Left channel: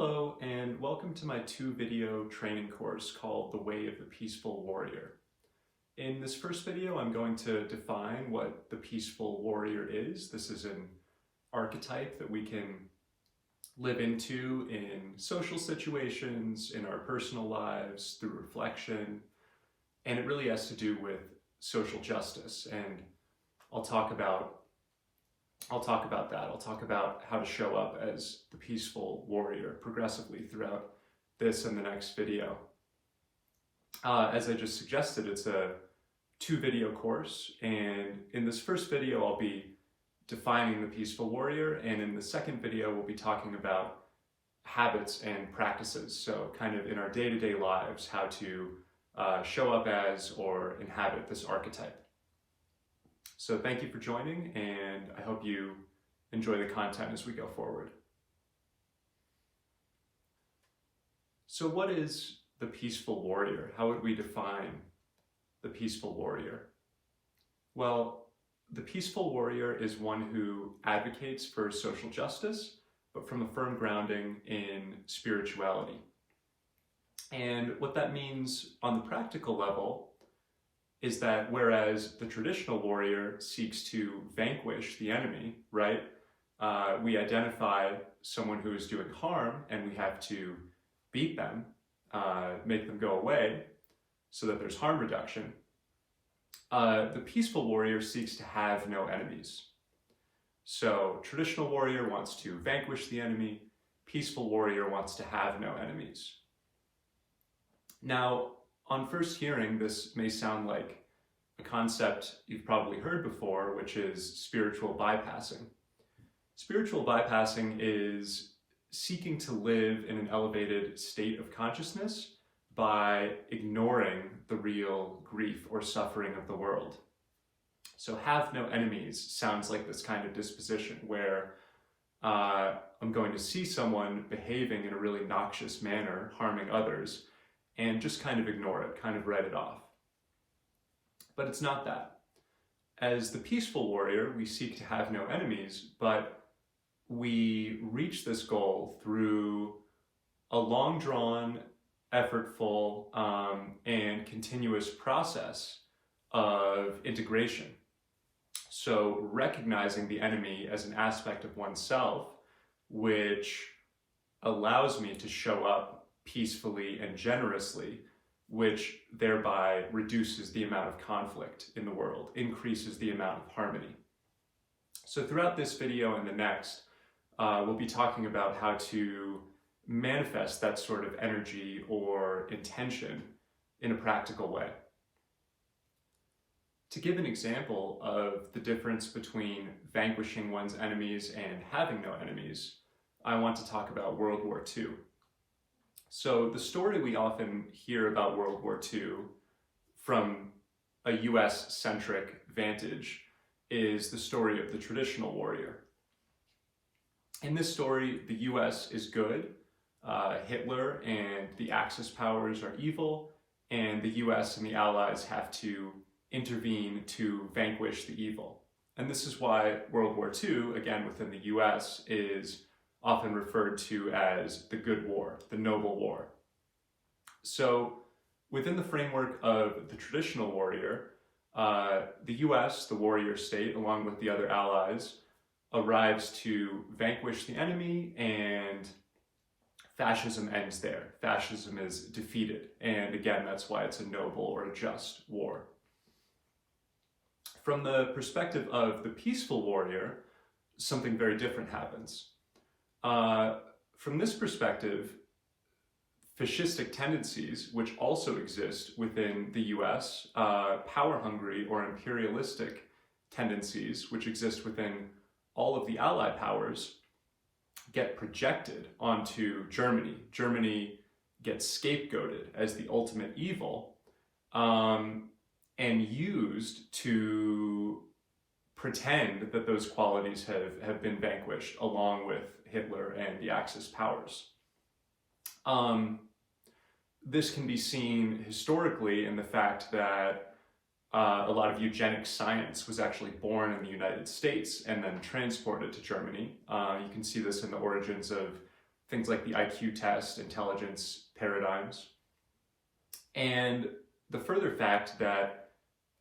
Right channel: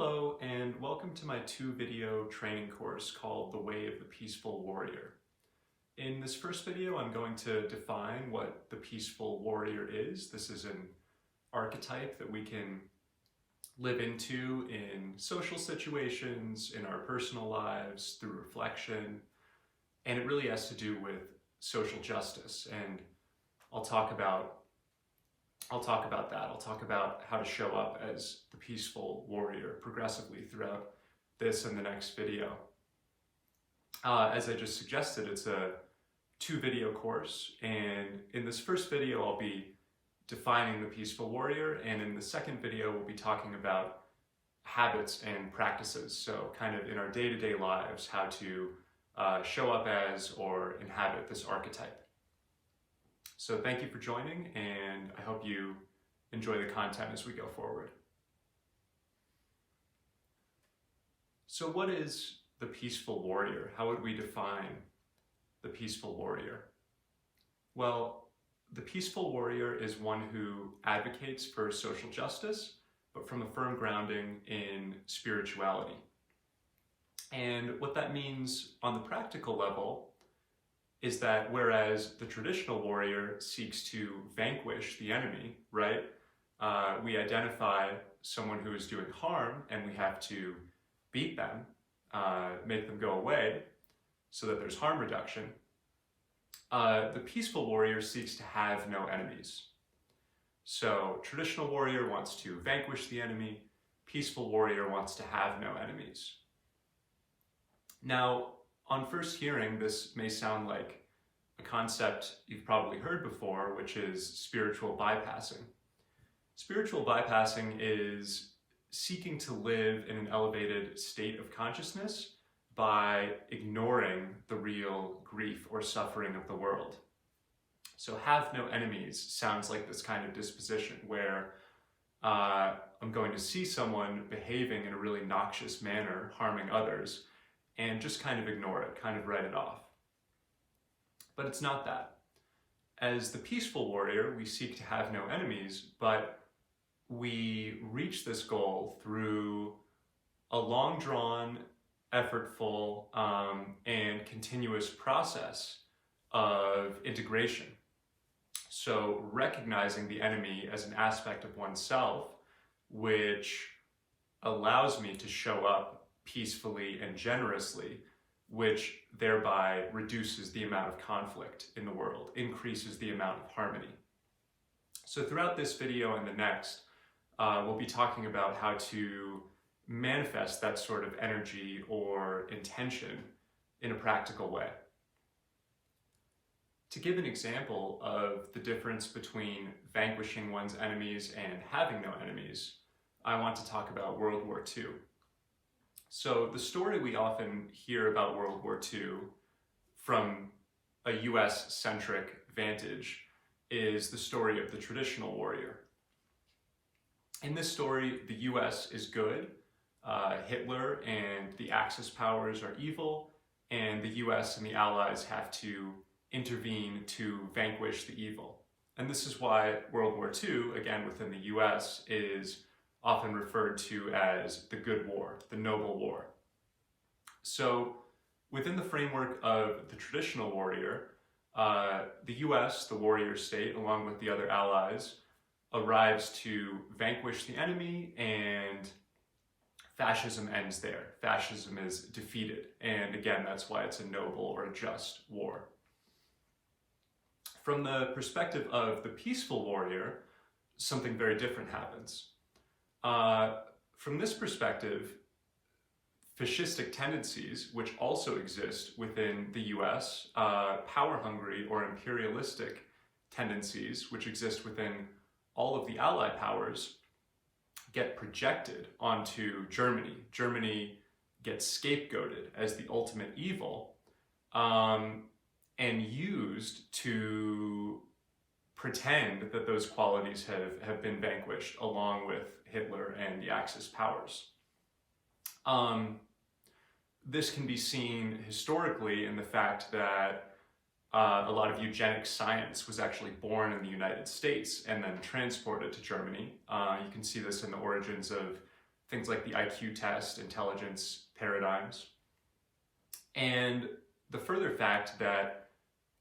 Hello, and welcome to my 2-video training course called The Way of the Peaceful Warrior. In this first video, I'm going to define what the peaceful warrior is. This is an archetype that we can live into in social situations, in our personal lives, through reflection, and it really has to do with social justice, and I'll talk about that. I'll talk about how to show up as the peaceful warrior progressively throughout this and the next video. As I just suggested, it's a 2-video course, and in this first video I'll be defining the peaceful warrior, and in the second video we'll be talking about habits and practices, so kind of in our day-to-day lives, how to show up as or inhabit this archetype. So thank you for joining, and I hope you enjoy the content as we go forward. So what is the peaceful warrior? How would we define the peaceful warrior? Well, the peaceful warrior is one who advocates for social justice, but from a firm grounding in spirituality. And what that means on the practical level is that whereas the traditional warrior seeks to vanquish the enemy, right? We identify someone who is doing harm and we have to beat them, make them go away so that there's harm reduction. The peaceful warrior seeks to have no enemies. So traditional warrior wants to vanquish the enemy, peaceful warrior wants to have no enemies. Now, on first hearing, this may sound like a concept you've probably heard before, which is spiritual bypassing. Spiritual bypassing is seeking to live in an elevated state of consciousness by ignoring the real grief or suffering of the world. So have no enemies sounds like this kind of disposition where I'm going to see someone behaving in a really noxious manner, harming others, and just kind of ignore it, kind of write it off. But it's not that. As the peaceful warrior, we seek to have no enemies, but we reach this goal through a long-drawn, effortful, and continuous process of integration. So recognizing the enemy as an aspect of oneself, which allows me to show up peacefully and generously, which thereby reduces the amount of conflict in the world, increases the amount of harmony. So throughout this video and the next, we'll be talking about how to manifest that sort of energy or intention in a practical way. To give an example of the difference between vanquishing one's enemies and having no enemies, I want to talk about World War II. So the story we often hear about World War II from a US-centric vantage is the story of the traditional warrior. In this story, the US is good, Hitler and the Axis powers are evil, and the US and the Allies have to intervene to vanquish the evil. And this is why World War II, again within the US, is often referred to as the good war, the noble war. So within the framework of the traditional warrior, the US, the warrior state, along with the other allies, arrives to vanquish the enemy, and fascism ends there. Fascism is defeated. And again, that's why it's a noble or a just war. From the perspective of the peaceful warrior, something very different happens. From this perspective, fascistic tendencies, which also exist within the US, power-hungry or imperialistic tendencies, which exist within all of the Allied powers, get projected onto Germany. Germany gets scapegoated as the ultimate evil, and used to pretend that those qualities have been vanquished along with Hitler and the Axis powers. This can be seen historically in the fact that a lot of eugenics science was actually born in the United States and then transported to Germany. You can see this in the origins of things like the IQ test, intelligence paradigms. And the further fact that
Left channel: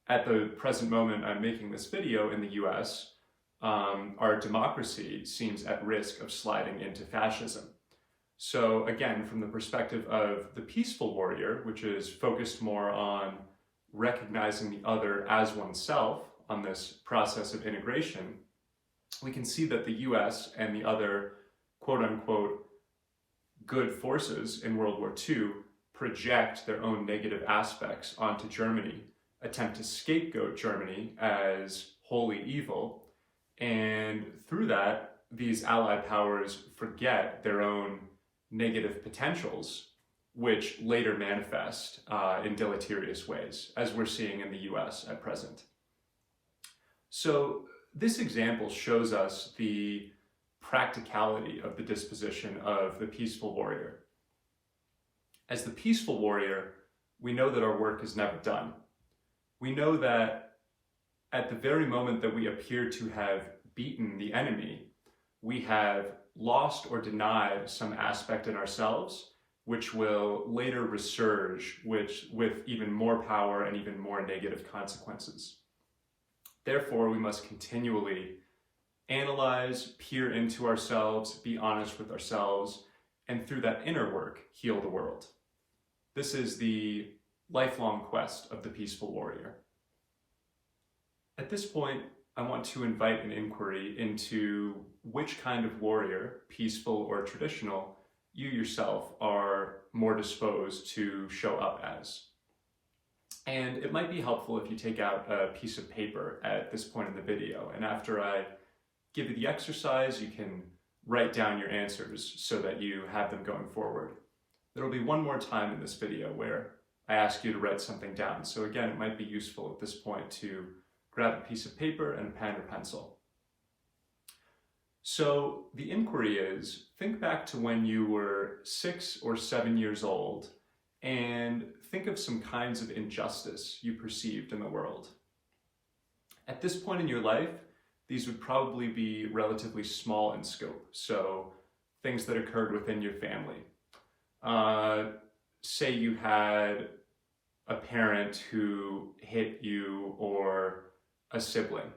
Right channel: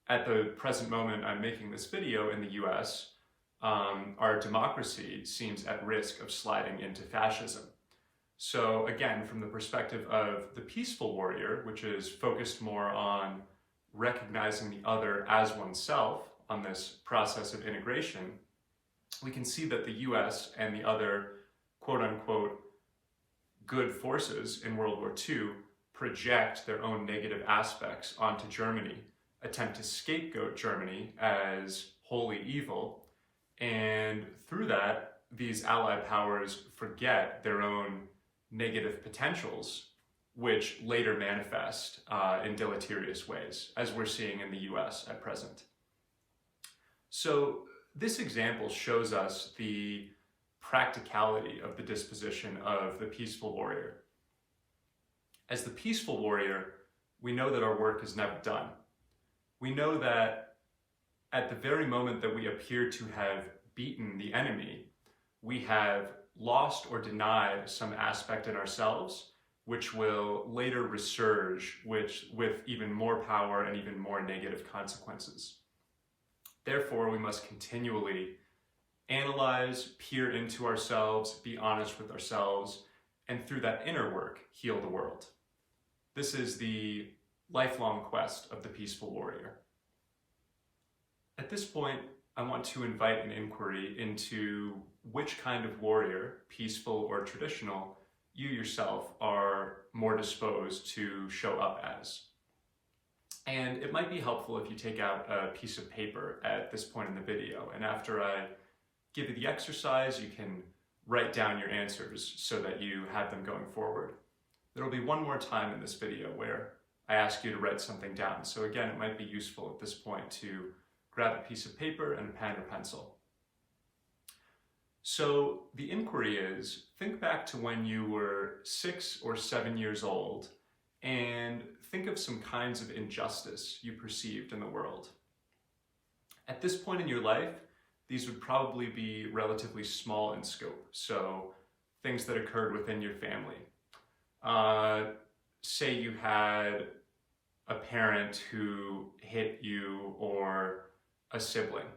at the present moment I'm making this video in the US, our democracy seems at risk of sliding into fascism. So again, from the perspective of the peaceful warrior, which is focused more on recognizing the other as oneself on this process of integration, we can see that the US and the other quote-unquote good forces in World War II project their own negative aspects onto Germany, attempt to scapegoat Germany as wholly evil, and through that, these Allied powers forget their own negative potentials, which later manifest in deleterious ways, as we're seeing in the US at present. So this example shows us the practicality of the disposition of the peaceful warrior. As the peaceful warrior, we know that our work is never done. We know that at the very moment that we appear to have beaten the enemy, we have lost or denied some aspect in ourselves, which will later resurge with even more power and even more negative consequences. Therefore, we must continually analyze, peer into ourselves, be honest with ourselves, and through that inner work, heal the world. This is the lifelong quest of the peaceful warrior. At this point, I want to invite an inquiry into which kind of warrior, peaceful or traditional, you yourself are more disposed to show up as. And it might be helpful if you take out a piece of paper at this point in the video, and after I give you the exercise, you can write down your answers so that you have them going forward. There will be one more time in this video where I ask you to write something down. So again, it might be useful at this point to grab a piece of paper and a pen or pencil. So the inquiry is, think back to when you were 6 or 7 years old and think of some kinds of injustice you perceived in the world. At this point in your life, these would probably be relatively small in scope. So things that occurred within your family. Say you had a parent who hit you or a sibling,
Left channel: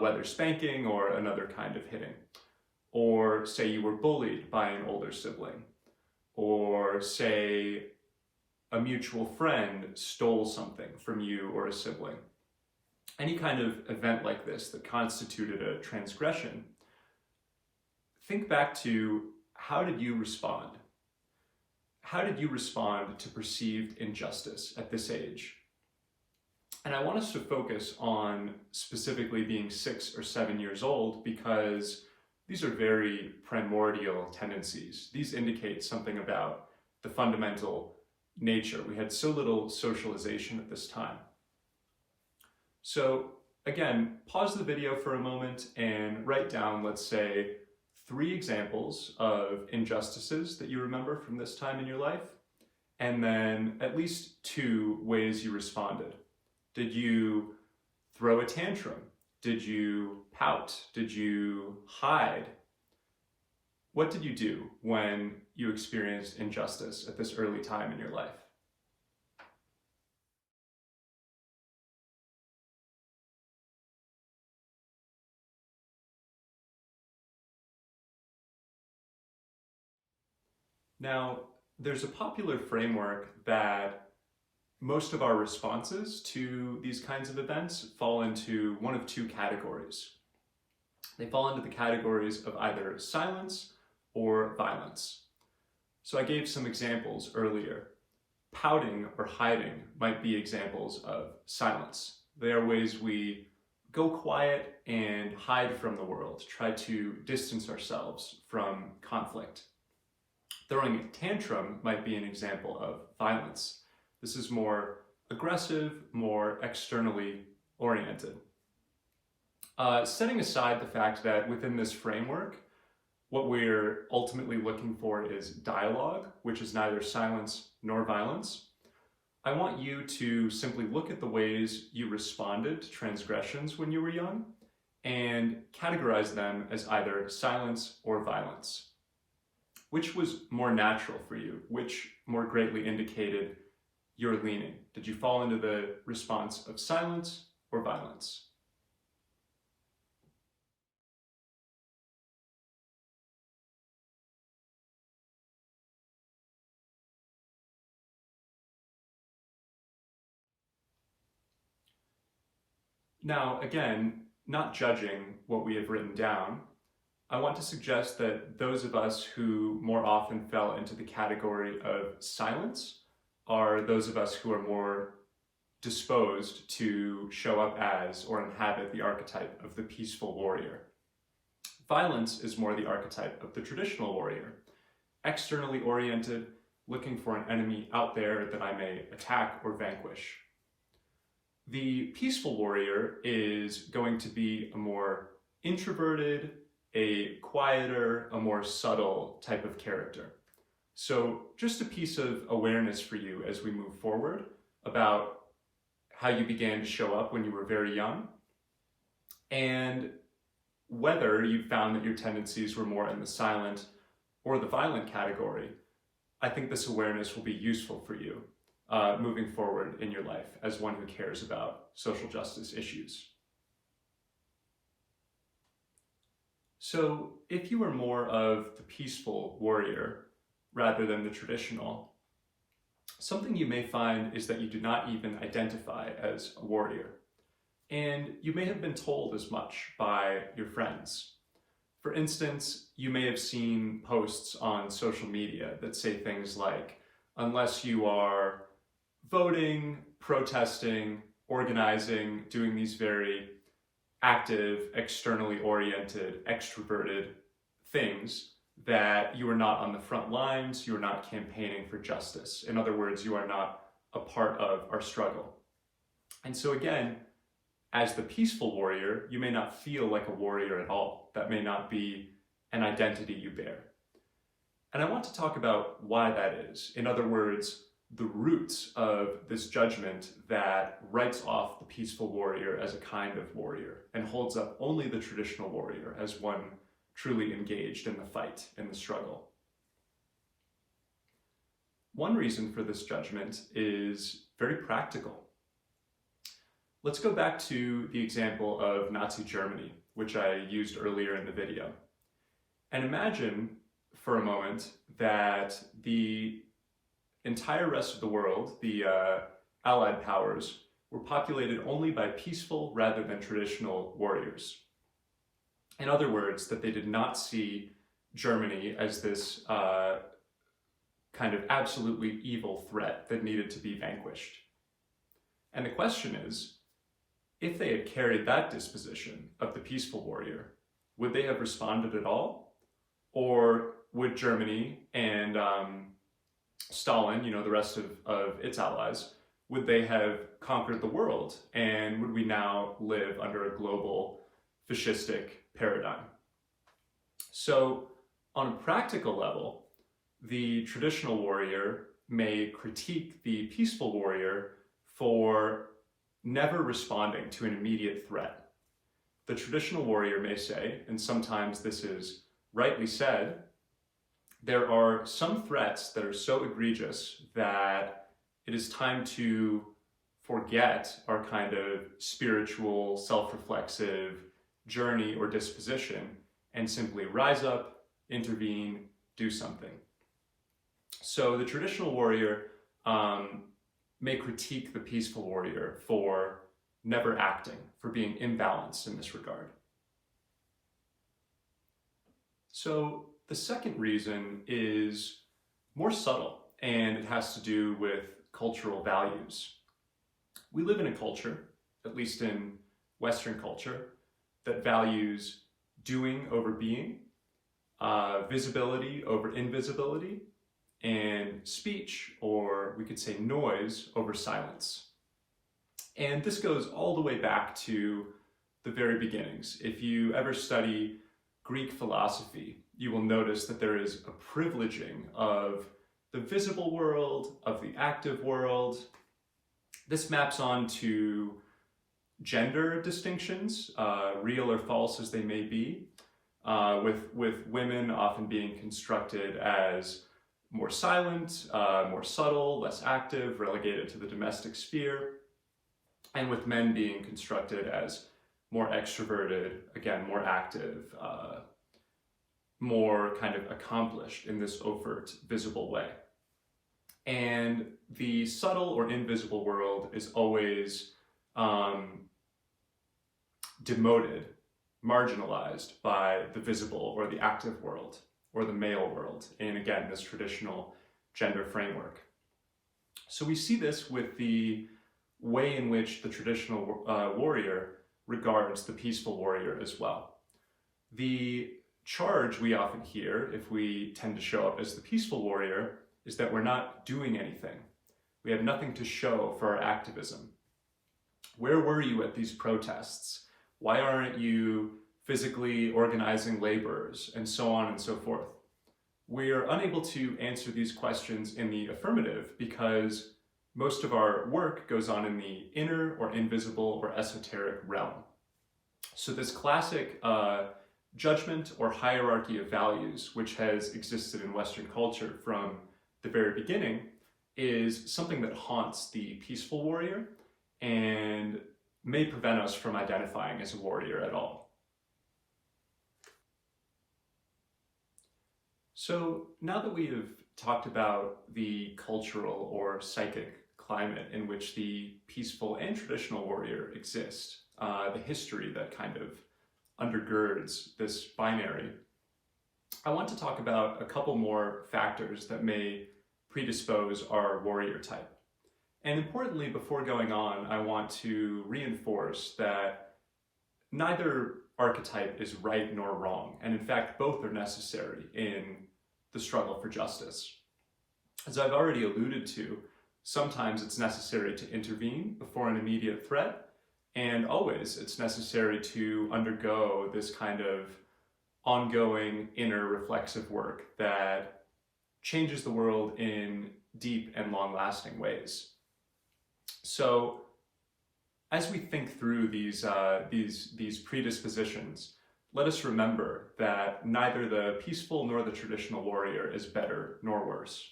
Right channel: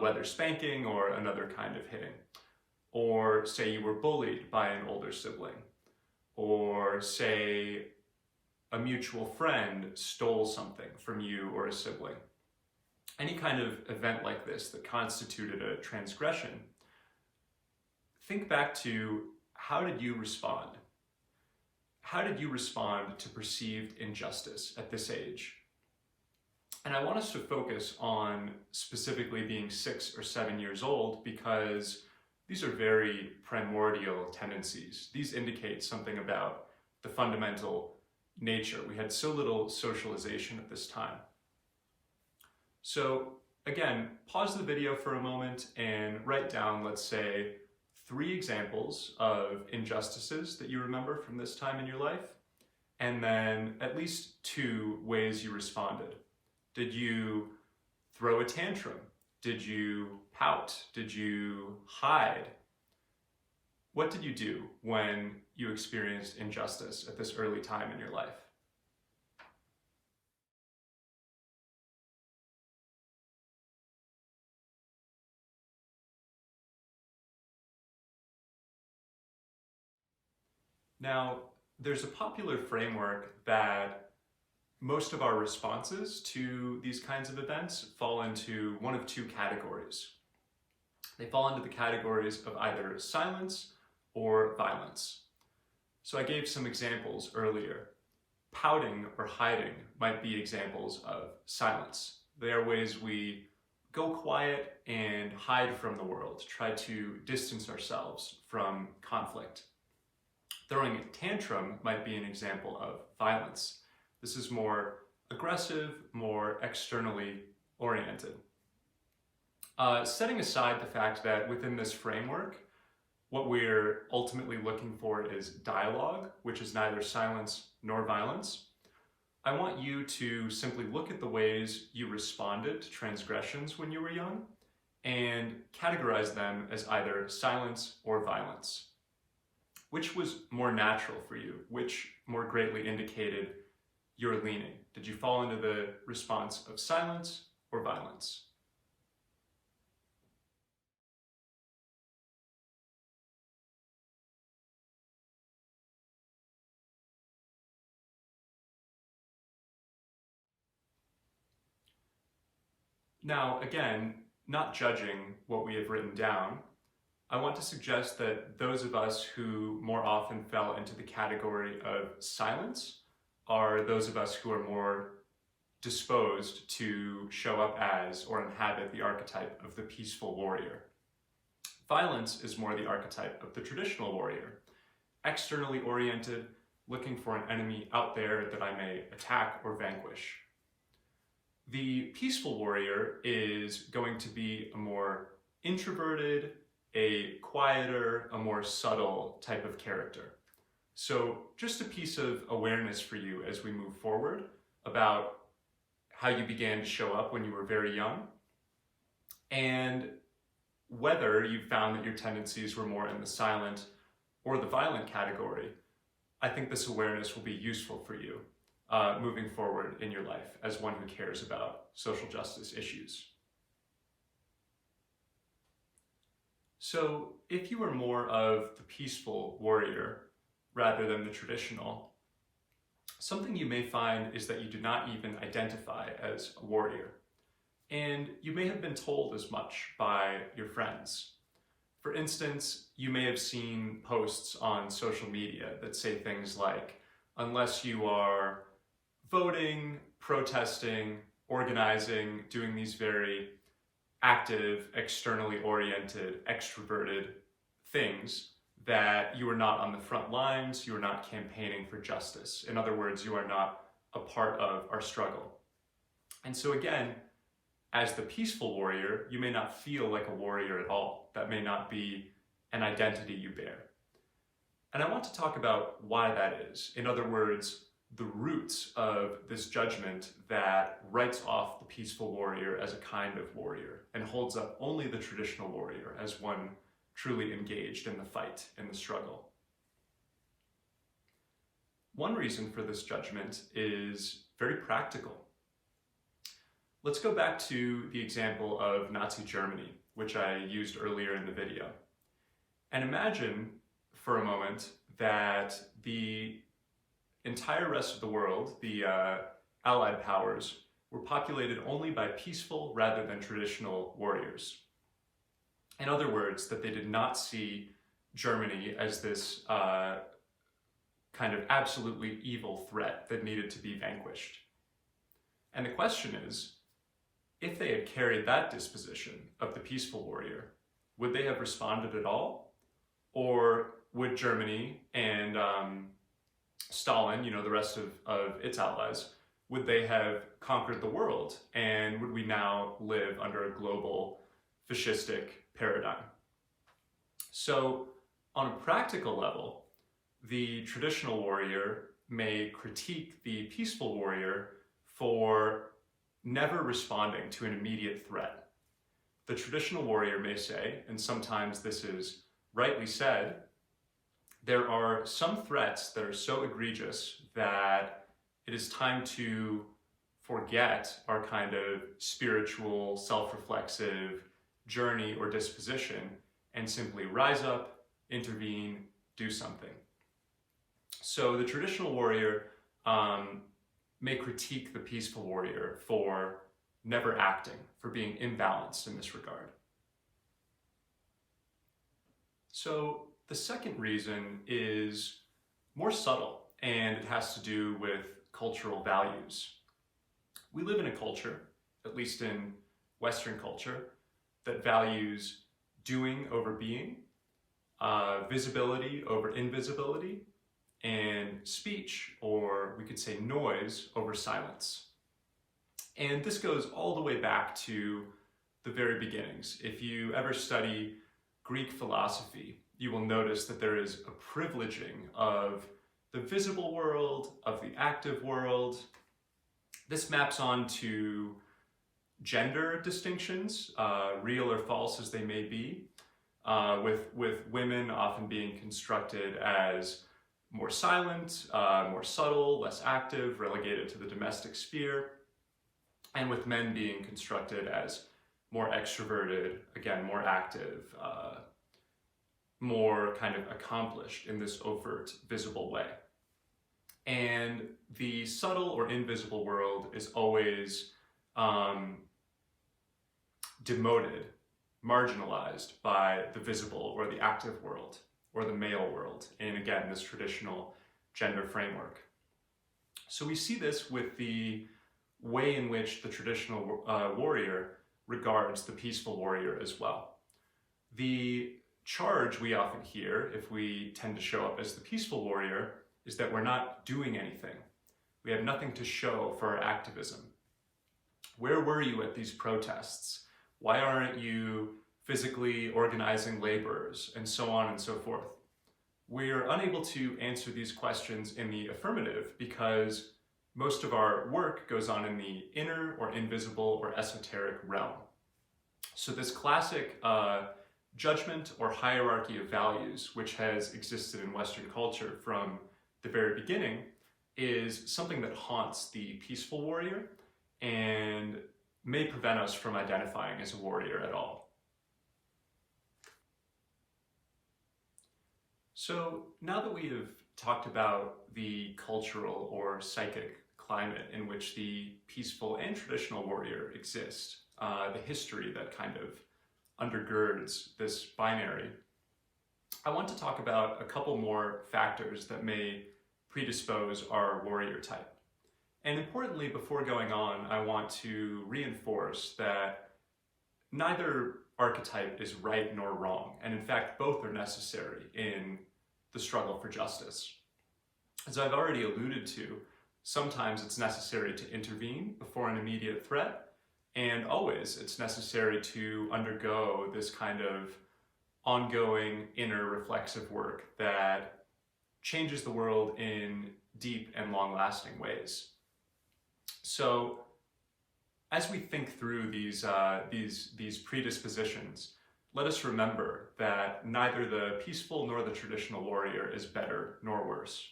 whether spanking or another kind of hitting. Or say you were bullied by an older sibling. Or say a mutual friend stole something from you or a sibling. Any kind of event like this that constituted a transgression, think back to how did you respond? How did you respond to perceived injustice at this age? And I want us to focus on specifically being 6 or 7 years old because these are very primordial tendencies. These indicate something about the fundamental nature. We had so little socialization at this time. So again, pause the video for a moment and write down, let's say, 3 examples of injustices that you remember from this time in your life, and then at least 2 ways you responded. Did you throw a tantrum? Did you pout? Did you hide? What did you do when you experienced injustice at this early time in your life? Now, there's a popular framework that most of our responses to these kinds of events fall into one of 2 categories. They fall into the categories of either silence or violence. So I gave some examples earlier. Pouting or hiding might be examples of silence. They are ways we go quiet and hide from the world, try to distance ourselves from conflict. Throwing a tantrum might be an example of violence. This is more aggressive, more externally oriented. Setting aside the fact that within this framework, what we're ultimately looking for is dialogue, which is neither silence nor violence, I want you to simply look at the ways you responded to transgressions when you were young and categorize them as either silence or violence. Which was more natural for you? Which more greatly indicated your leaning? Did you fall into the response of silence or violence? Now, again, not judging what we have written down, I want to suggest that those of us who more often fell into the category of silence are those of us who are more disposed to show up as or inhabit the archetype of the peaceful warrior. Violence is more the archetype of the traditional warrior, externally oriented, looking for an enemy out there that I may attack or vanquish. The peaceful warrior is going to be a more introverted, a quieter, a more subtle type of character. So just a piece of awareness for you as we move forward about how you began to show up when you were very young, and whether you found that your tendencies were more in the silent or the violent category. I think this awareness will be useful for you moving forward in your life as one who cares about social justice issues. So if you are more of the peaceful warrior rather than the traditional, something you may find is that you do not even identify as a warrior. And you may have been told as much by your friends. For instance, you may have seen posts on social media that say things like, unless you are voting, protesting, organizing, doing these very active, externally oriented, extroverted things, that you are not on the front lines, you are not campaigning for justice. In other words, you are not a part of our struggle. And so again, as the peaceful warrior, you may not feel like a warrior at all. That may not be an identity you bear. And I want to talk about why that is. In other words, the roots of this judgment that writes off the peaceful warrior as a kind of warrior and holds up only the traditional warrior as one truly engaged in the fight, in the struggle. One reason for this judgment is very practical. Let's go back to the example of Nazi Germany, which I used earlier in the video. And imagine for a moment that the entire rest of the world, the Allied powers, were populated only by peaceful rather than traditional warriors. In other words, that they did not see Germany as this kind of absolutely evil threat that needed to be vanquished. And the question is, if they had carried that disposition of the peaceful warrior, would they have responded at all? Or would Germany and Stalin, the rest of its allies, would they have conquered the world? And would we now live under a global fascistic paradigm? So on a practical level, the traditional warrior may critique the peaceful warrior for never responding to an immediate threat. The traditional warrior may say, and sometimes this is rightly said, there are some threats that are so egregious that it is time to forget our kind of spiritual, self-reflexive journey or disposition and simply rise up, intervene, do something. So the traditional warrior may critique the peaceful warrior for never acting, for being imbalanced in this regard. So the second reason is more subtle, and it has to do with cultural values. We live in a culture, at least in Western culture, that values doing over being, visibility over invisibility, and speech, or we could say noise, over silence. And this goes all the way back to the very beginnings. If you ever study Greek philosophy, you will notice that there is a privileging of the visible world, of the active world. This maps on to gender distinctions, real or false as they may be, with women often being constructed as more silent, more subtle, less active, relegated to the domestic sphere, and with men being constructed as more extroverted, again, more active, more kind of accomplished in this overt, visible way. And the subtle or invisible world is always demoted, marginalized by the visible or the active world or the male world in, again, this traditional gender framework. So we see this with the way in which the traditional warrior regards the peaceful warrior as well. The charge we often hear, if we tend to show up as the peaceful warrior, is that we're not doing anything. We have nothing to show for our activism. Where were you at these protests? Why aren't you physically organizing laborers, and so on and so forth? We are unable to answer these questions in the affirmative because most of our work goes on in the inner or invisible or esoteric realm. So this classic judgment or hierarchy of values, which has existed in Western culture from the very beginning, is something that haunts the peaceful warrior and may prevent us from identifying as a warrior at all. So now that we have talked about the cultural or psychic climate in which the peaceful and traditional warrior exist, the history that kind of undergirds this binary, I want to talk about a couple more factors that may predispose our warrior type. And importantly, before going on, I want to reinforce that neither archetype is right nor wrong, and in fact, both are necessary in the struggle for justice. As I've already alluded to, sometimes it's necessary to intervene before an immediate threat, and always it's necessary to undergo this kind of ongoing inner reflexive work that changes the world in deep and long-lasting ways. So as we think through these predispositions, let us remember that neither the peaceful nor the traditional warrior is better nor worse.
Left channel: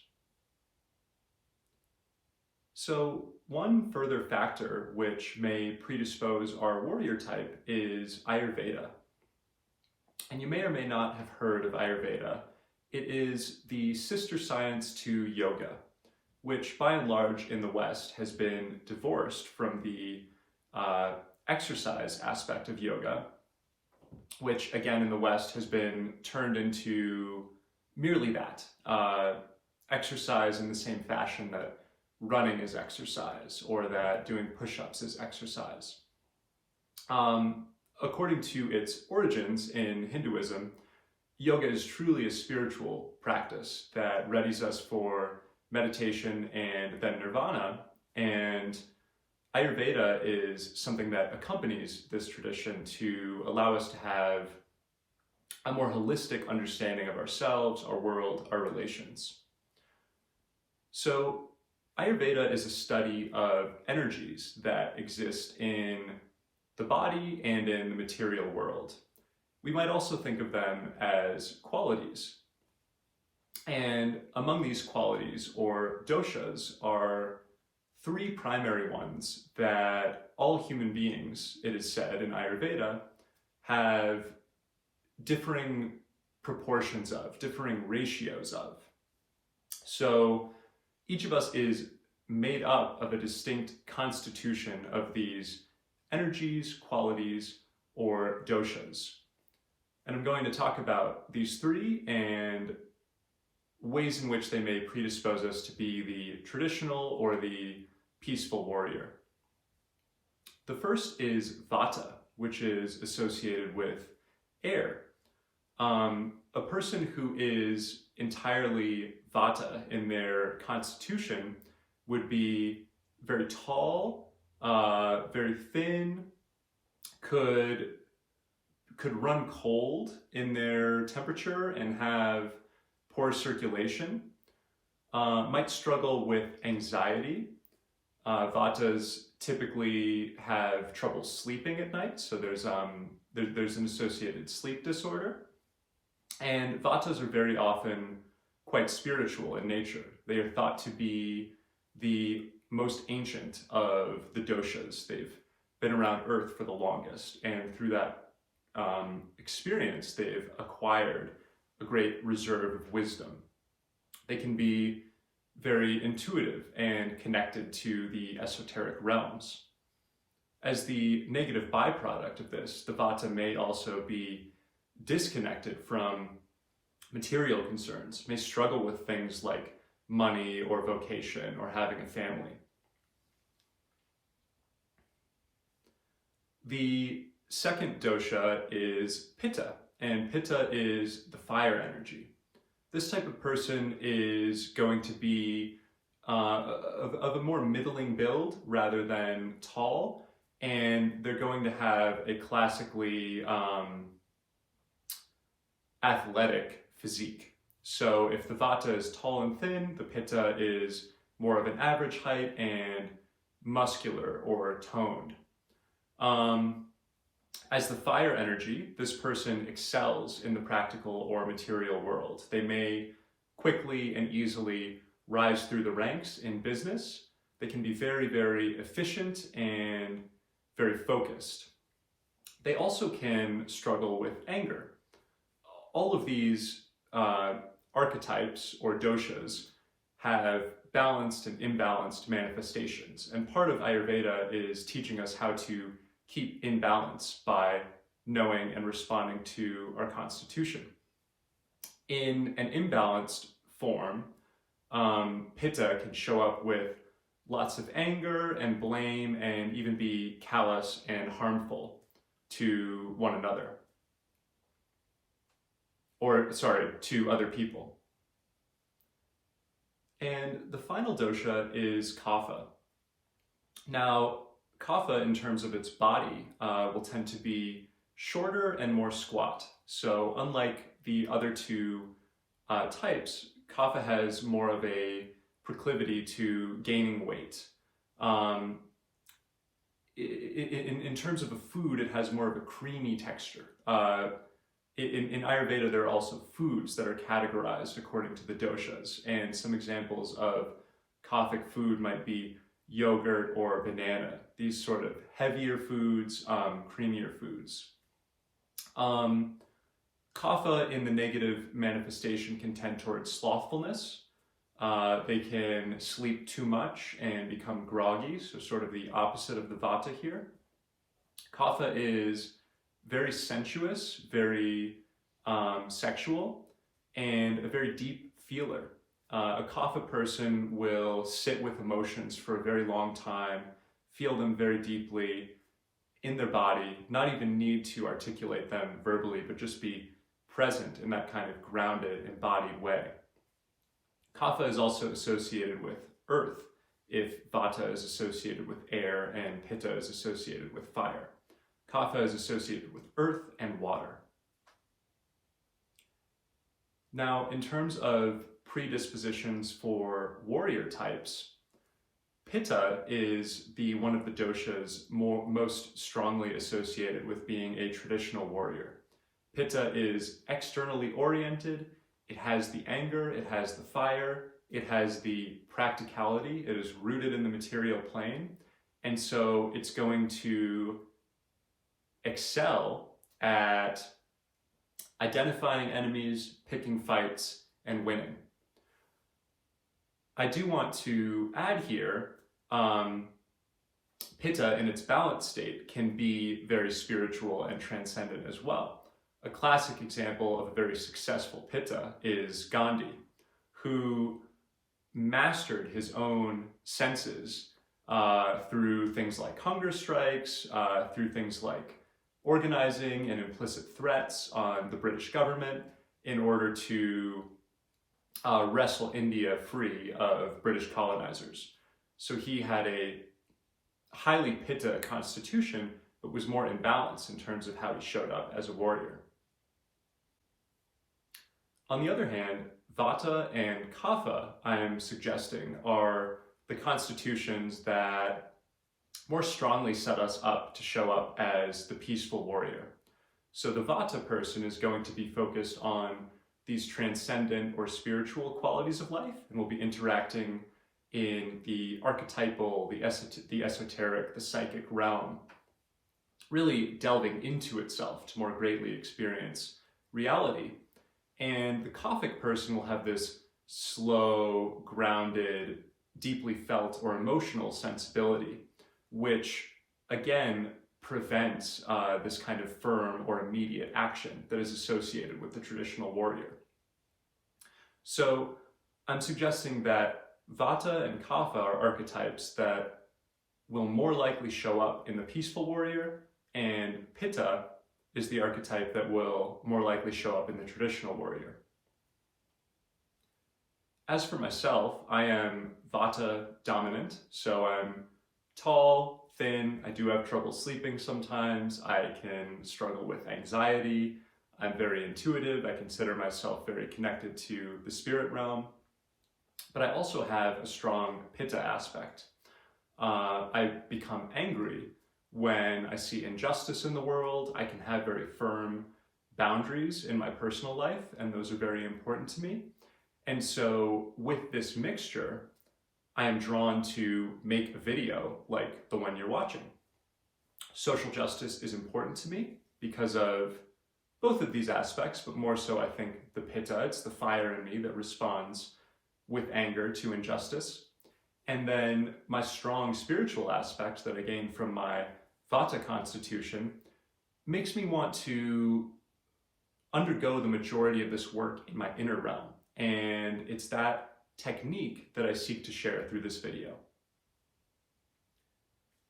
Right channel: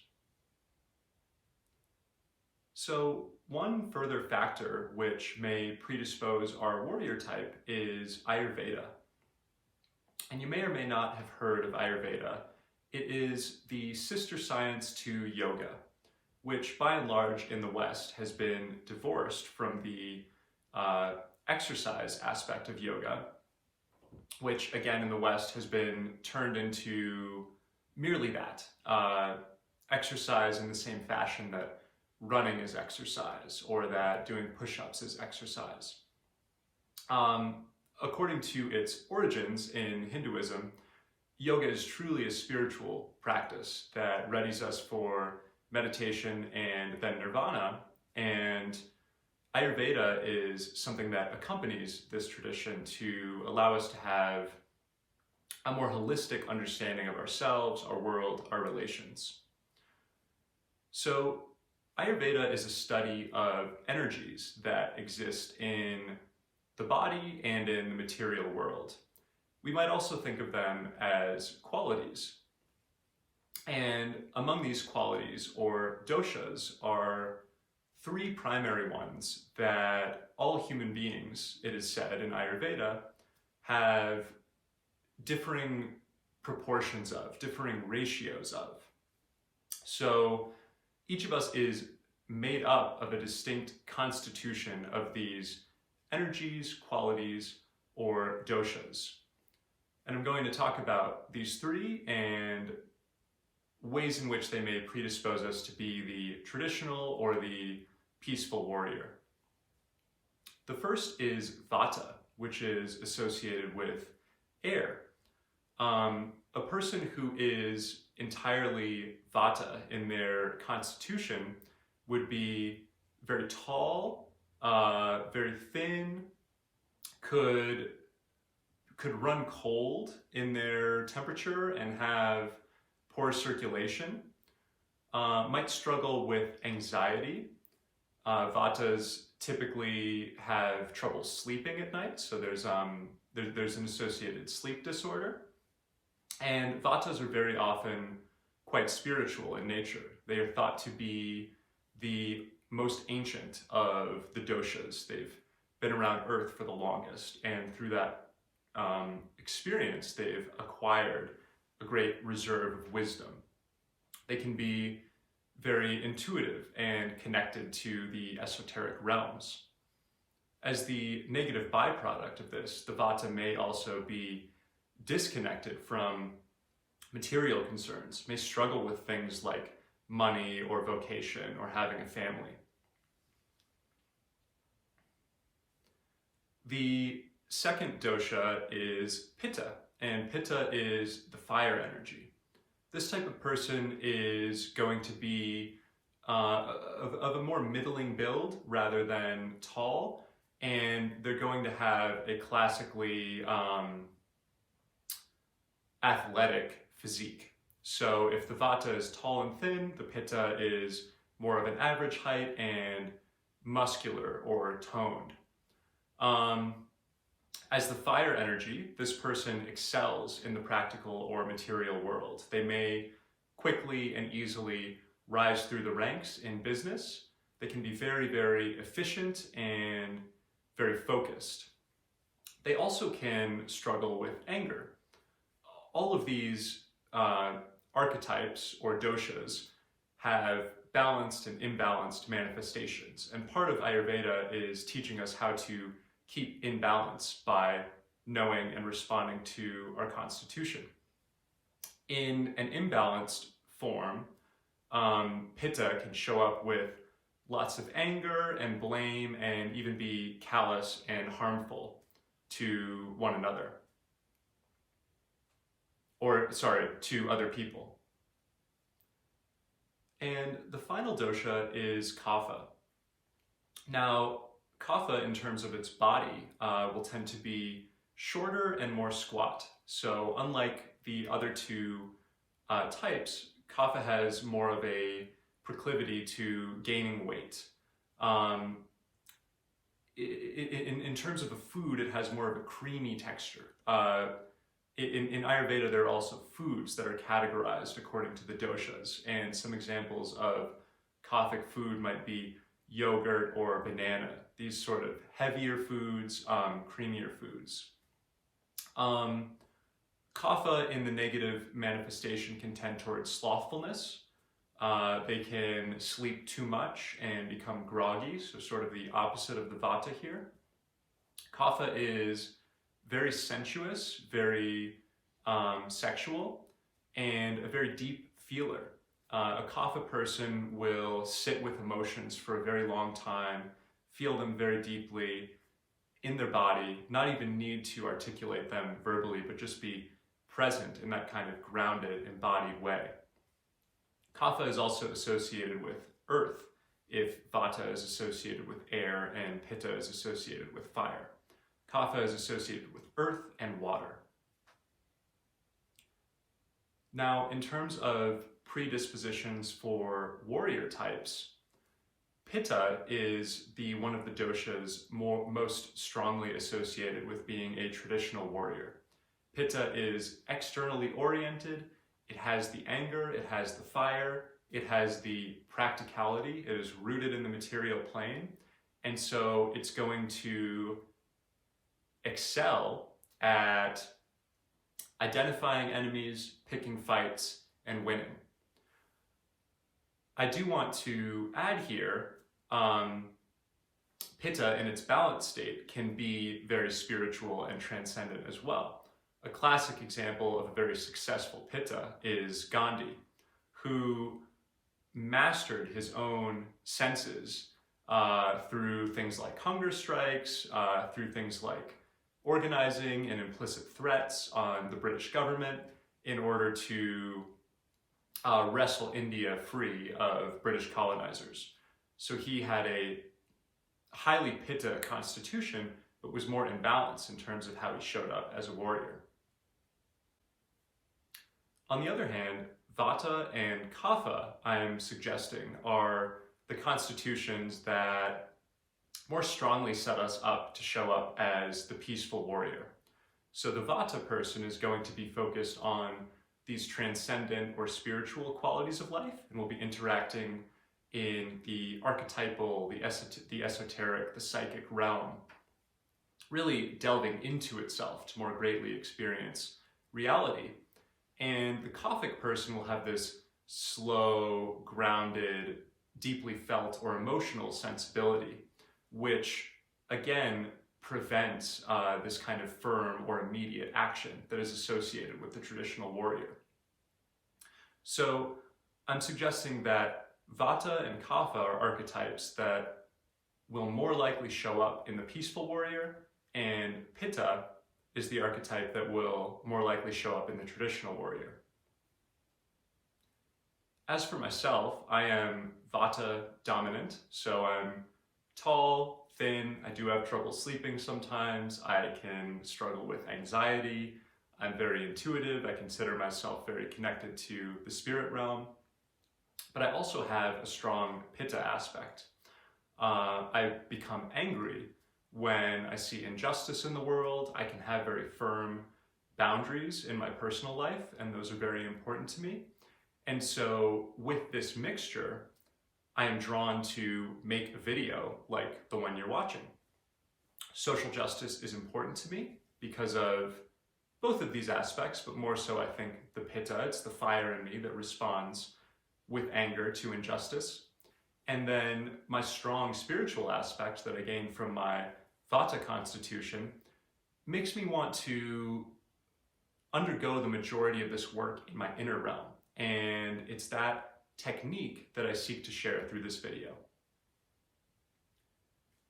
So one further factor which may predispose our warrior type is Ayurveda. And you may or may not have heard of Ayurveda. It is the sister science to yoga, which by and large in the West has been divorced from the exercise aspect of yoga, which again in the West has been turned into merely that, exercise in the same fashion that running is exercise or that doing push-ups is exercise. According to its origins in Hinduism, yoga is truly a spiritual practice that readies us for meditation and then nirvana, and Ayurveda is something that accompanies this tradition to allow us to have a more holistic understanding of ourselves, our world, our relations. So Ayurveda is a study of energies that exist in the body and in the material world. We might also think of them as qualities. And among these qualities, or doshas, are three primary ones that all human beings, it is said in Ayurveda, have differing proportions of, differing ratios of. So each of us is made up of a distinct constitution of these energies, qualities, or doshas. And I'm going to talk about these three and ways in which they may predispose us to be the traditional or the peaceful warrior. The first is vata, which is associated with air. A person who is entirely vata in their constitution would be very tall, very thin, could run cold in their temperature and have poor circulation, might struggle with anxiety. Vatas typically have trouble sleeping at night, so there's an associated sleep disorder. And Vatas are very often quite spiritual in nature. They are thought to be the most ancient of the doshas. They've been around Earth for the longest, and through that experience, they've acquired a great reserve of wisdom. They can be very intuitive and connected to the esoteric realms. As the negative byproduct of this, the Vata may also be disconnected from material concerns, may struggle with things like money or vocation or having a family. The second dosha is Pitta, and Pitta is the fire energy. This type of person is going to be of a more middling build rather than tall, and they're going to have a classically athletic physique. So if the Vata is tall and thin, the Pitta is more of an average height and muscular or toned. As the fire energy, this person excels in the practical or material world. They may quickly and easily rise through the ranks in business. They can be very, very efficient and very focused. They also can struggle with anger. All of these archetypes or doshas have balanced and imbalanced manifestations. And part of Ayurveda is teaching us how to keep in balance by knowing and responding to our constitution. In an imbalanced form, Pitta can show up with lots of anger and blame and even be callous and harmful to one another. To other people. And the final dosha is Kapha. Now, Kapha, in terms of its body, will tend to be shorter and more squat. So unlike the other two types, Kapha has more of a proclivity to gaining weight. In terms of a food, it has more of a creamy texture. In Ayurveda, there are also foods that are categorized according to the doshas, and some examples of Kaphic food might be yogurt or banana, these sort of heavier foods, creamier foods. Kapha in the negative manifestation can tend towards slothfulness. They can sleep too much and become groggy, so sort of the opposite of the Vata here. Kapha is very sensuous, very sexual, and a very deep feeler. A Kapha person will sit with emotions for a very long time, feel them very deeply in their body, not even need to articulate them verbally, but just be present in that kind of grounded, embodied way. Kapha is also associated with earth, if Vata is associated with air and Pitta is associated with fire. Kapha is associated with earth and water. Now, in terms of predispositions for warrior types, Pitta is one of the doshas most strongly associated with being a traditional warrior. Pitta is externally oriented. It has the anger, it has the fire, it has the practicality, it is rooted in the material plane, and so it's going to excel at identifying enemies, picking fights, and winning. I do want to add here, Pitta in its balanced state can be very spiritual and transcendent as well. A classic example of a very successful Pitta is Gandhi, who mastered his own senses through things like hunger strikes, through things like organizing and implicit threats on the British government in order to wrestle India free of British colonizers. So he had a highly Pitta constitution, but was more imbalanced in terms of how he showed up as a warrior. On the other hand, Vata and Kapha, I'm suggesting, are the constitutions that more strongly set us up to show up as the peaceful warrior. So the Vata person is going to be focused on these transcendent or spiritual qualities of life, and will be interacting in the archetypal, the esoteric, the psychic realm, really delving into itself to more greatly experience reality. And the Kaphic person will have this slow, grounded, deeply felt or emotional sensibility, which again prevents this kind of firm or immediate action that is associated with the traditional warrior. So I'm suggesting that Vata and Kapha are archetypes that will more likely show up in the peaceful warrior, and Pitta is the archetype that will more likely show up in the traditional warrior. As for myself, I am Vata dominant, so I'm tall, thin, I do have trouble sleeping sometimes, I can struggle with anxiety, I'm very intuitive, I consider myself very connected to the spirit realm, but I also have a strong Pitta aspect. I become angry when I see injustice in the world. I can have very firm boundaries in my personal life, and those are very important to me. And so with this mixture, I am drawn to make a video like the one you're watching. Social justice is important to me because of both of these aspects, but more so I think the Pitta, it's the fire in me that responds with anger to injustice. And then my strong spiritual aspect that I gained from my Vata constitution makes me want to undergo the majority of this work in my inner realm. And it's that technique that I seek to share through this video.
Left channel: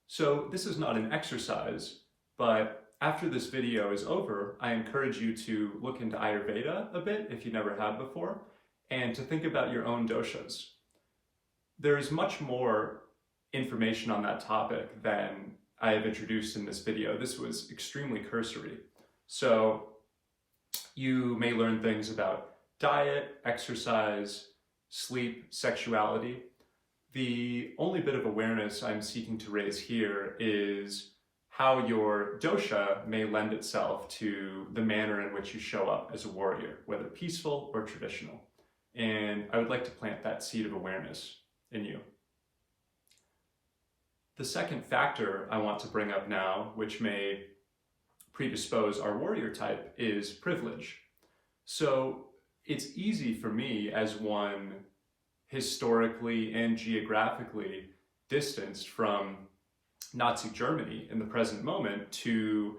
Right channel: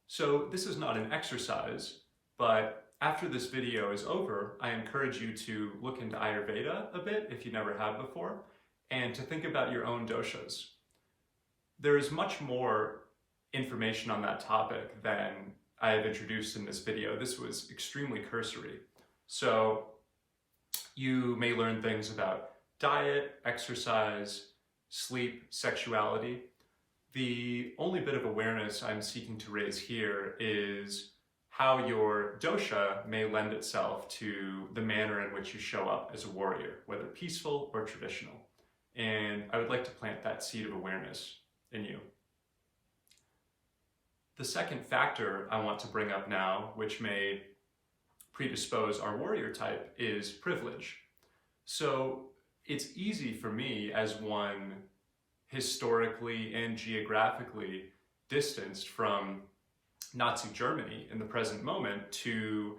So this is not an exercise, but after this video is over, I encourage you to look into Ayurveda a bit if you never have before, and to think about your own doshas. There is much more information on that topic than I have introduced in this video. This was extremely cursory. So you may learn things about diet, exercise, sleep, sexuality. The only bit of awareness I'm seeking to raise here is how your dosha may lend itself to the manner in which you show up as a warrior, whether peaceful or traditional. And I would like to plant that seed of awareness in you. The second factor I want to bring up now, which may predispose our warrior type, is privilege. So it's easy for me, as one historically and geographically distanced from Nazi Germany in the present moment, to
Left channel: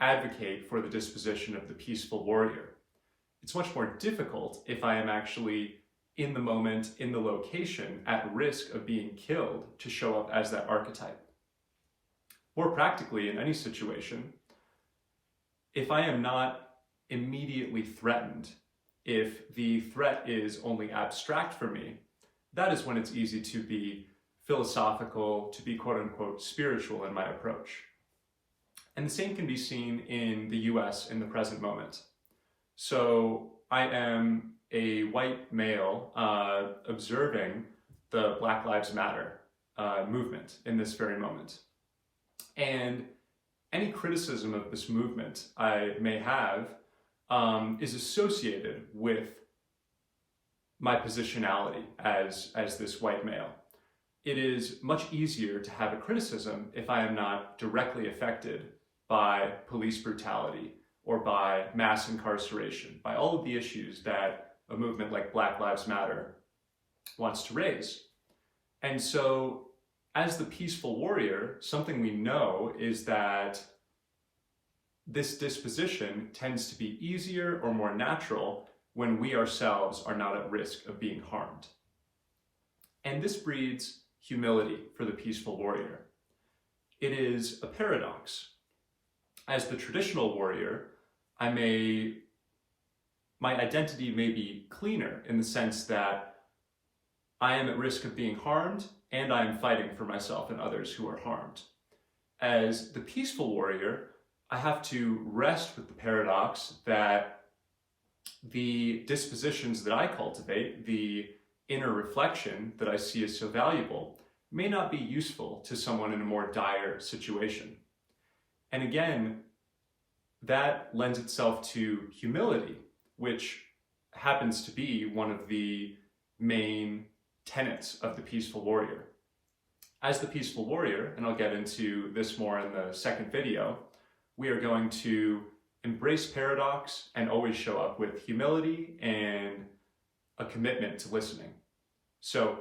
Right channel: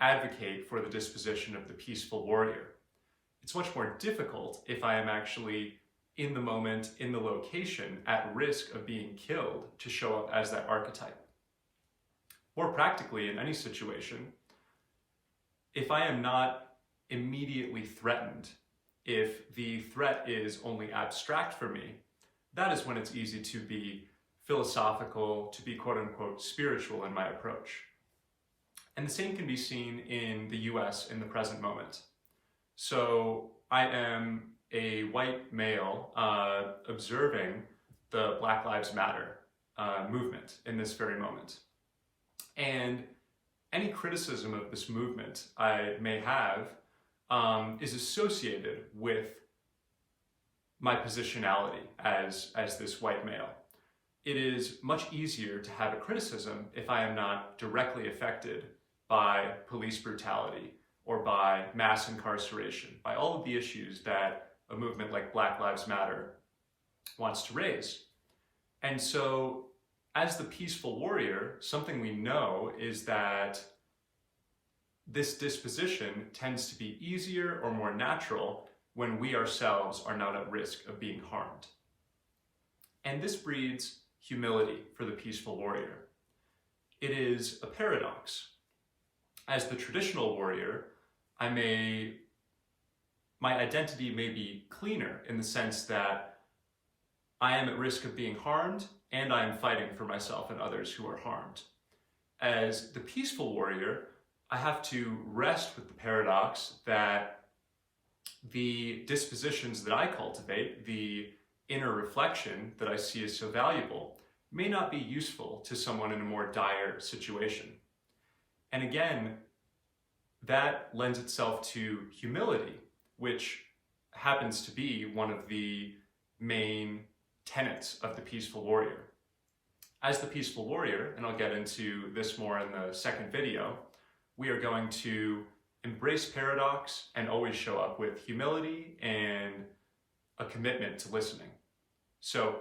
advocate for the disposition of the peaceful warrior. It's much more difficult if I am actually in the moment, in the location, at risk of being killed, to show up as that archetype. More practically, in any situation, if I am not immediately threatened, if the threat is only abstract for me, that is when it's easy to be philosophical, to be quote-unquote spiritual in my approach. And the same can be seen in the US in the present moment. So I am a white male observing the Black Lives Matter movement in this very moment. And any criticism of this movement I may have is associated with my positionality as this white male. It is much easier to have a criticism if I am not directly affected by police brutality or by mass incarceration, by all of the issues that a movement like Black Lives Matter wants to raise. And so, as the peaceful warrior, something we know is that this disposition tends to be easier or more natural when we ourselves are not at risk of being harmed. And this breeds humility for the peaceful warrior. It is a paradox. As the traditional warrior, my identity may be cleaner in the sense that I am at risk of being harmed and I am fighting for myself and others who are harmed. As the peaceful warrior, I have to rest with the paradox that the dispositions that I cultivate, the inner reflection that I see as so valuable, may not be useful to someone in a more dire situation. And again, that lends itself to humility, which happens to be one of the main tenets of the peaceful warrior. As the peaceful warrior, and I'll get into this more in the second video, we are going to embrace paradox and always show up with humility and a commitment to listening. So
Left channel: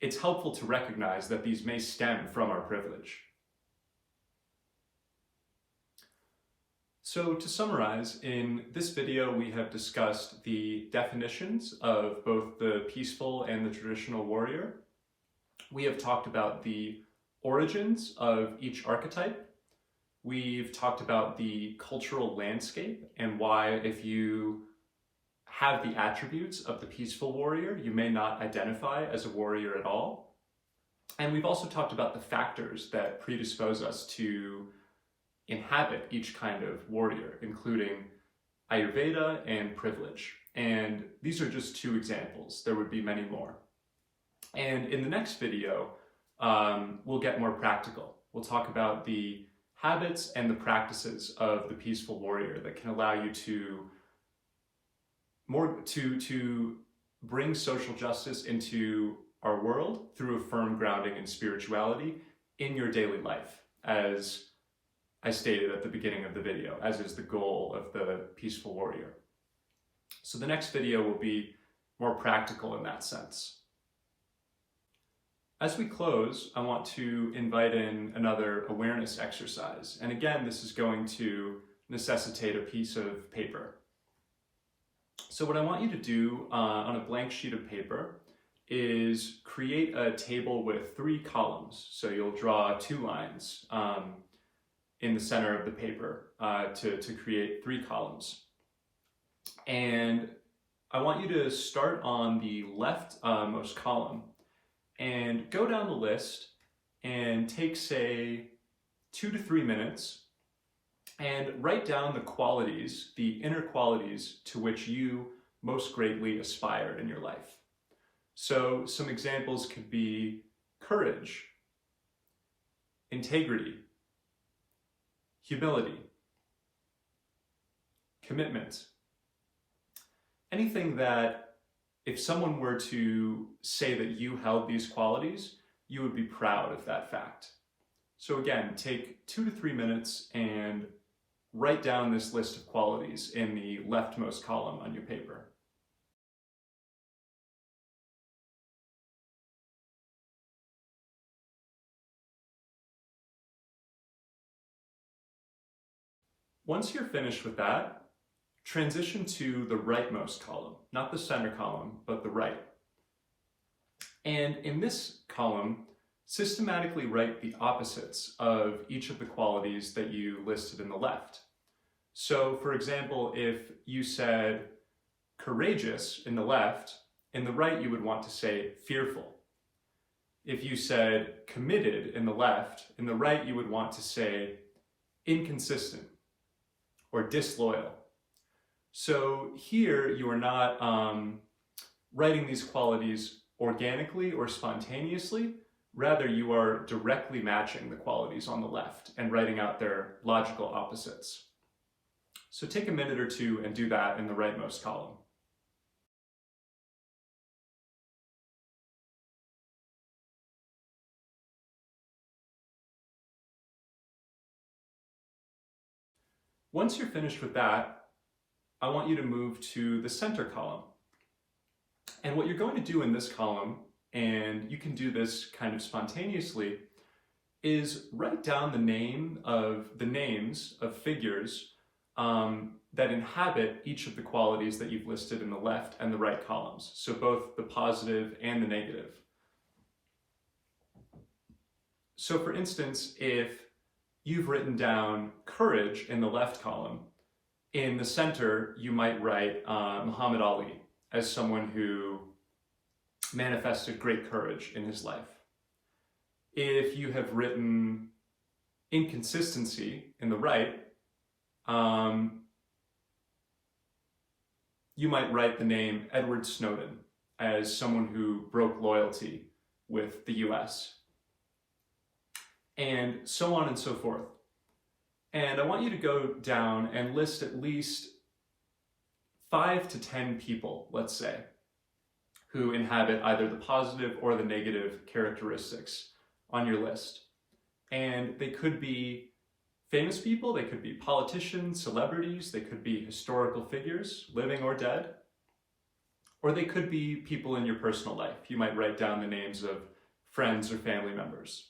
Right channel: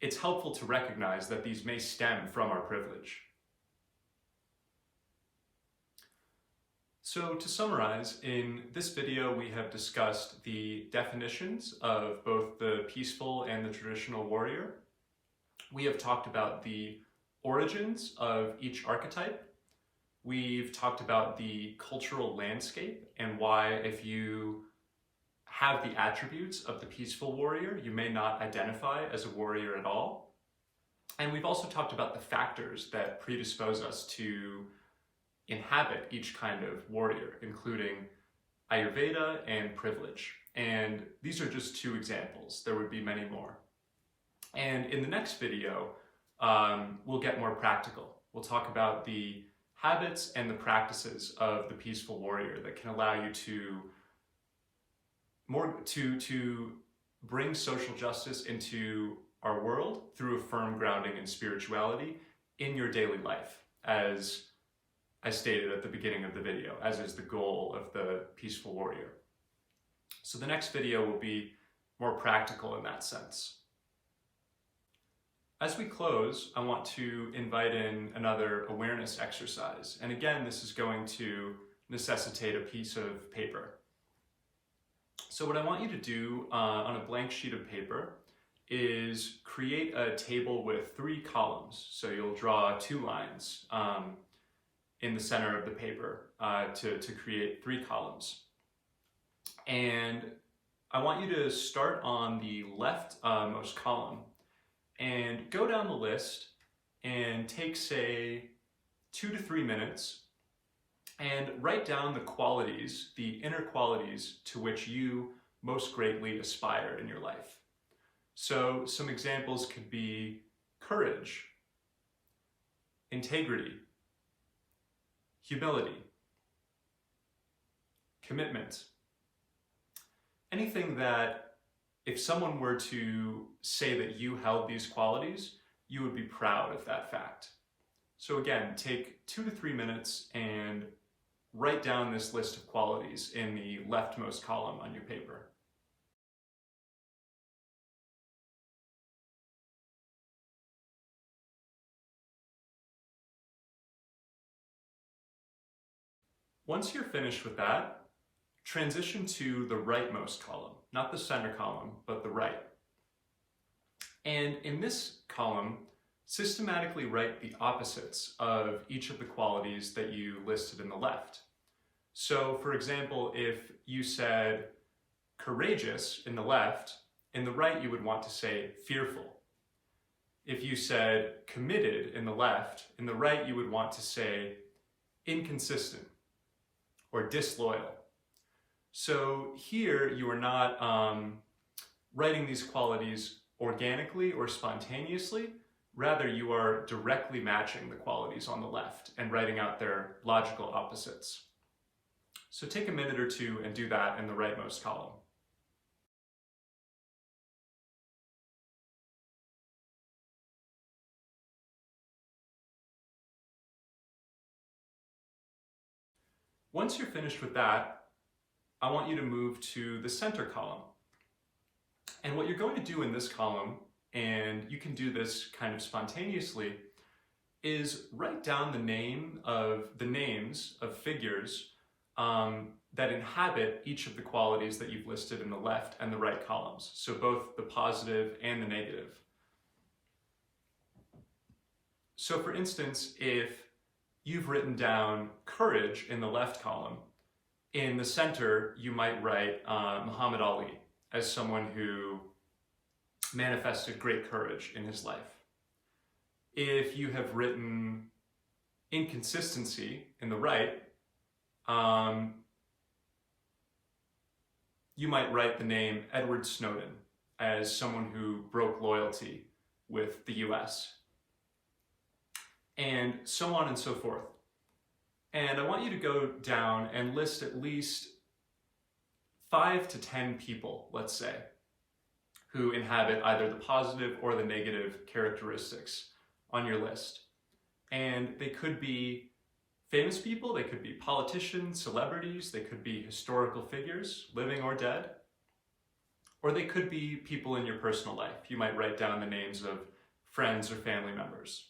it's helpful to recognize that these may stem from our privilege. So to summarize, in this video we have discussed the definitions of both the peaceful and the traditional warrior. We have talked about the origins of each archetype. We've talked about the cultural landscape and why, if you have the attributes of the peaceful warrior, you may not identify as a warrior at all. And we've also talked about the factors that predispose us to inhabit each kind of warrior, including Ayurveda and privilege. And these are just two examples. There would be many more. And in the next video, we'll get more practical. We'll talk about the habits and the practices of the peaceful warrior that can allow you to bring social justice into our world through a firm grounding in spirituality in your daily life, as I stated at the beginning of the video, as is the goal of the peaceful warrior. So the next video will be more practical in that sense. As we close, I want to invite in another awareness exercise. And again, this is going to necessitate a piece of paper. So what I want you to do on a blank sheet of paper is create a table with 3 columns. So you'll draw 2 lines in the center of the paper to create 3 columns. And I want you to start on the left most column and go down the list and take, say, 2 to 3 minutes and write down the qualities, the inner qualities to which you most greatly aspire in your life. So some examples could be courage, integrity, humility, commitment. Anything that, if someone were to say that you held these qualities, you would be proud of that fact. So again, take 2 to 3 minutes and write down this list of qualities in the leftmost column on your paper. Once you're finished with that, transition to the rightmost column, not the center column, but the right. And in this column, systematically write the opposites of each of the qualities that you listed in the left. So for example, if you said courageous in the left, in the right you would want to say fearful. If you said committed in the left, in the right you would want to say inconsistent or disloyal. So here you are not writing these qualities organically or spontaneously, rather you are directly matching the qualities on the left and writing out their logical opposites. So take a minute or two and do that in the rightmost column. Once you're finished with that, I want you to move to the center column. And what you're going to do in this column, and you can do this kind of spontaneously, is write down the names of figures that inhabit each of the qualities that you've listed in the left and the right columns. So both the positive and the negative. So for instance, if you've written down courage in the left column, in the center, you might write Muhammad Ali as someone who manifested great courage in his life. If you have written inconsistency in the right, you might write the name Edward Snowden as someone who broke loyalty with the US, and so on and so forth. And I want you to go down and list at least 5 to 10 people, let's say, who inhabit either the positive or the negative characteristics on your list. And they could be famous people, they could be politicians, celebrities, they could be historical figures, living or dead, or they could be people in your personal life. You might write down the names of friends or family members.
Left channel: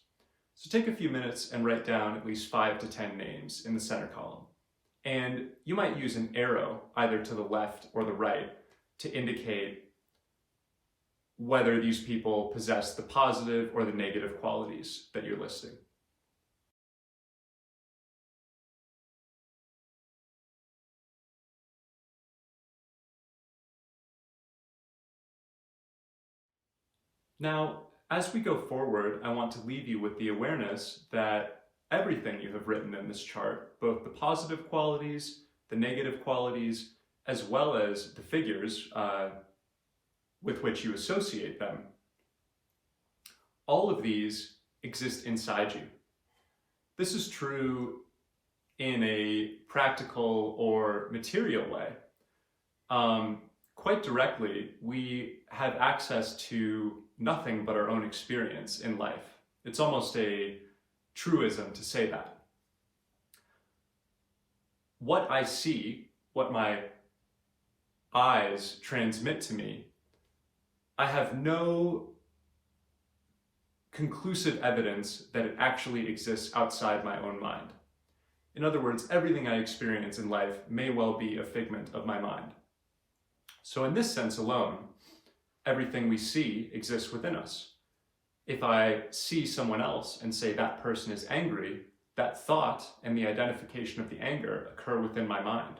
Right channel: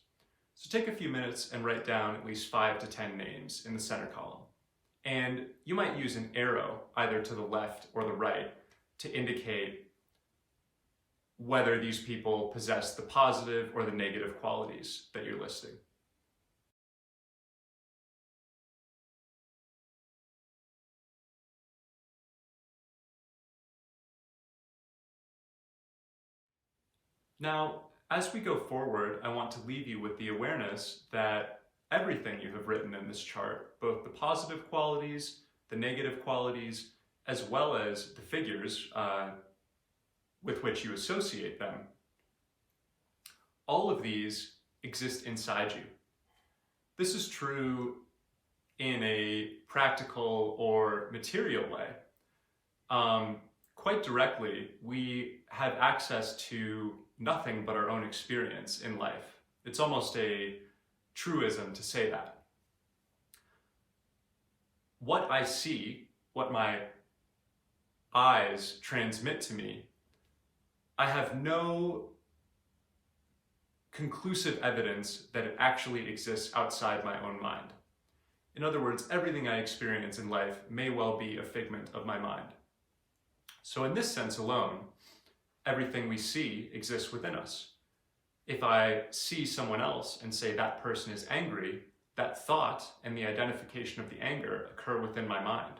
So take a few minutes and write down at least 5 to 10 names in the center column. And you might use an arrow either to the left or the right to indicate whether these people possess the positive or the negative qualities that you're listing. Now, as we go forward, I want to leave you with the awareness that everything you have written in this chart, both the positive qualities, the negative qualities, as well as the figures with which you associate them, all of these exist inside you. This is true in a practical or material way. Quite directly, we have access to nothing but our own experience in life. It's almost a truism to say that. What I see, what my eyes transmit to me, I have no conclusive evidence that it actually exists outside my own mind. In other words, everything I experience in life may well be a figment of my mind. So in this sense alone, everything we see exists within us. If I see someone else and say that person is angry, that thought and the identification of the anger occur within my mind.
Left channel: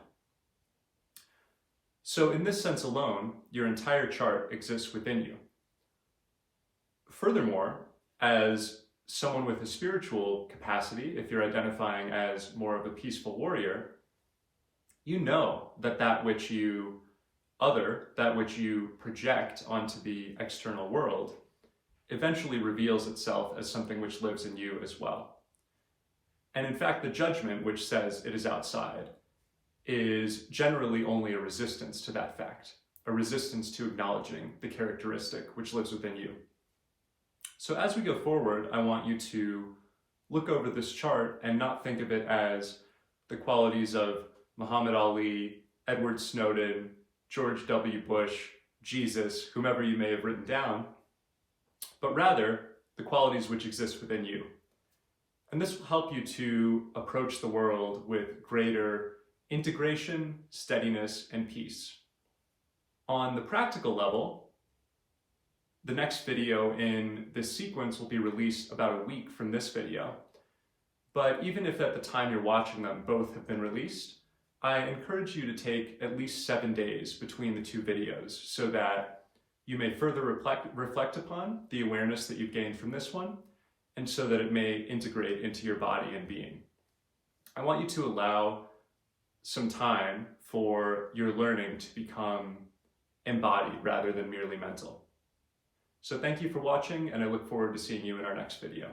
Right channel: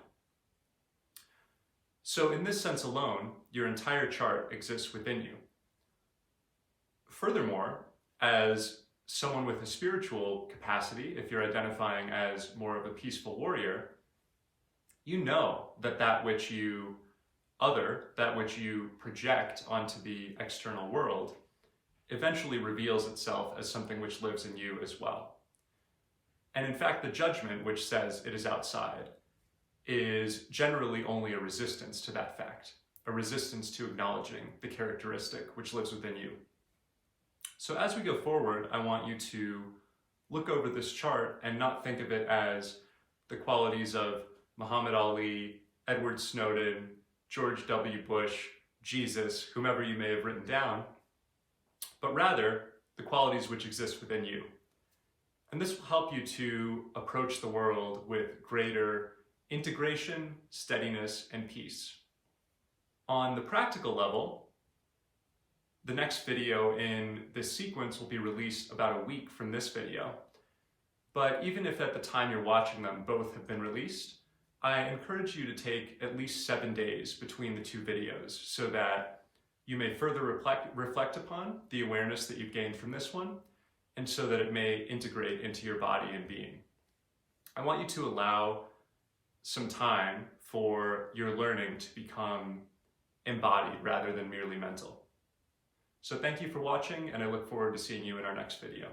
So in this sense alone, your entire chart exists within you. Furthermore, as someone with a spiritual capacity, if you're identifying as more of a peaceful warrior, you know that that which you project onto the external world eventually reveals itself as something which lives in you as well. And in fact, the judgment which says it is outside is generally only a resistance to that fact, a resistance to acknowledging the characteristic which lives within you. So as we go forward, I want you to look over this chart and not think of it as the qualities of Muhammad Ali, Edward Snowden, George W. Bush, Jesus, whomever you may have written down, but rather the qualities which exist within you. And this will help you to approach the world with greater integration, steadiness, and peace. On the practical level, the next video in this sequence will be released about a week from this video. But even if at the time you're watching them, both have been released, I encourage you to take at least 7 days between the two videos so that you may further reflect upon the awareness that you've gained from this one, and so that it may integrate into your body and being. I want you to allow some time for your learning to become embodied rather than merely mental. So thank you for watching, and I look forward to seeing you in our next video.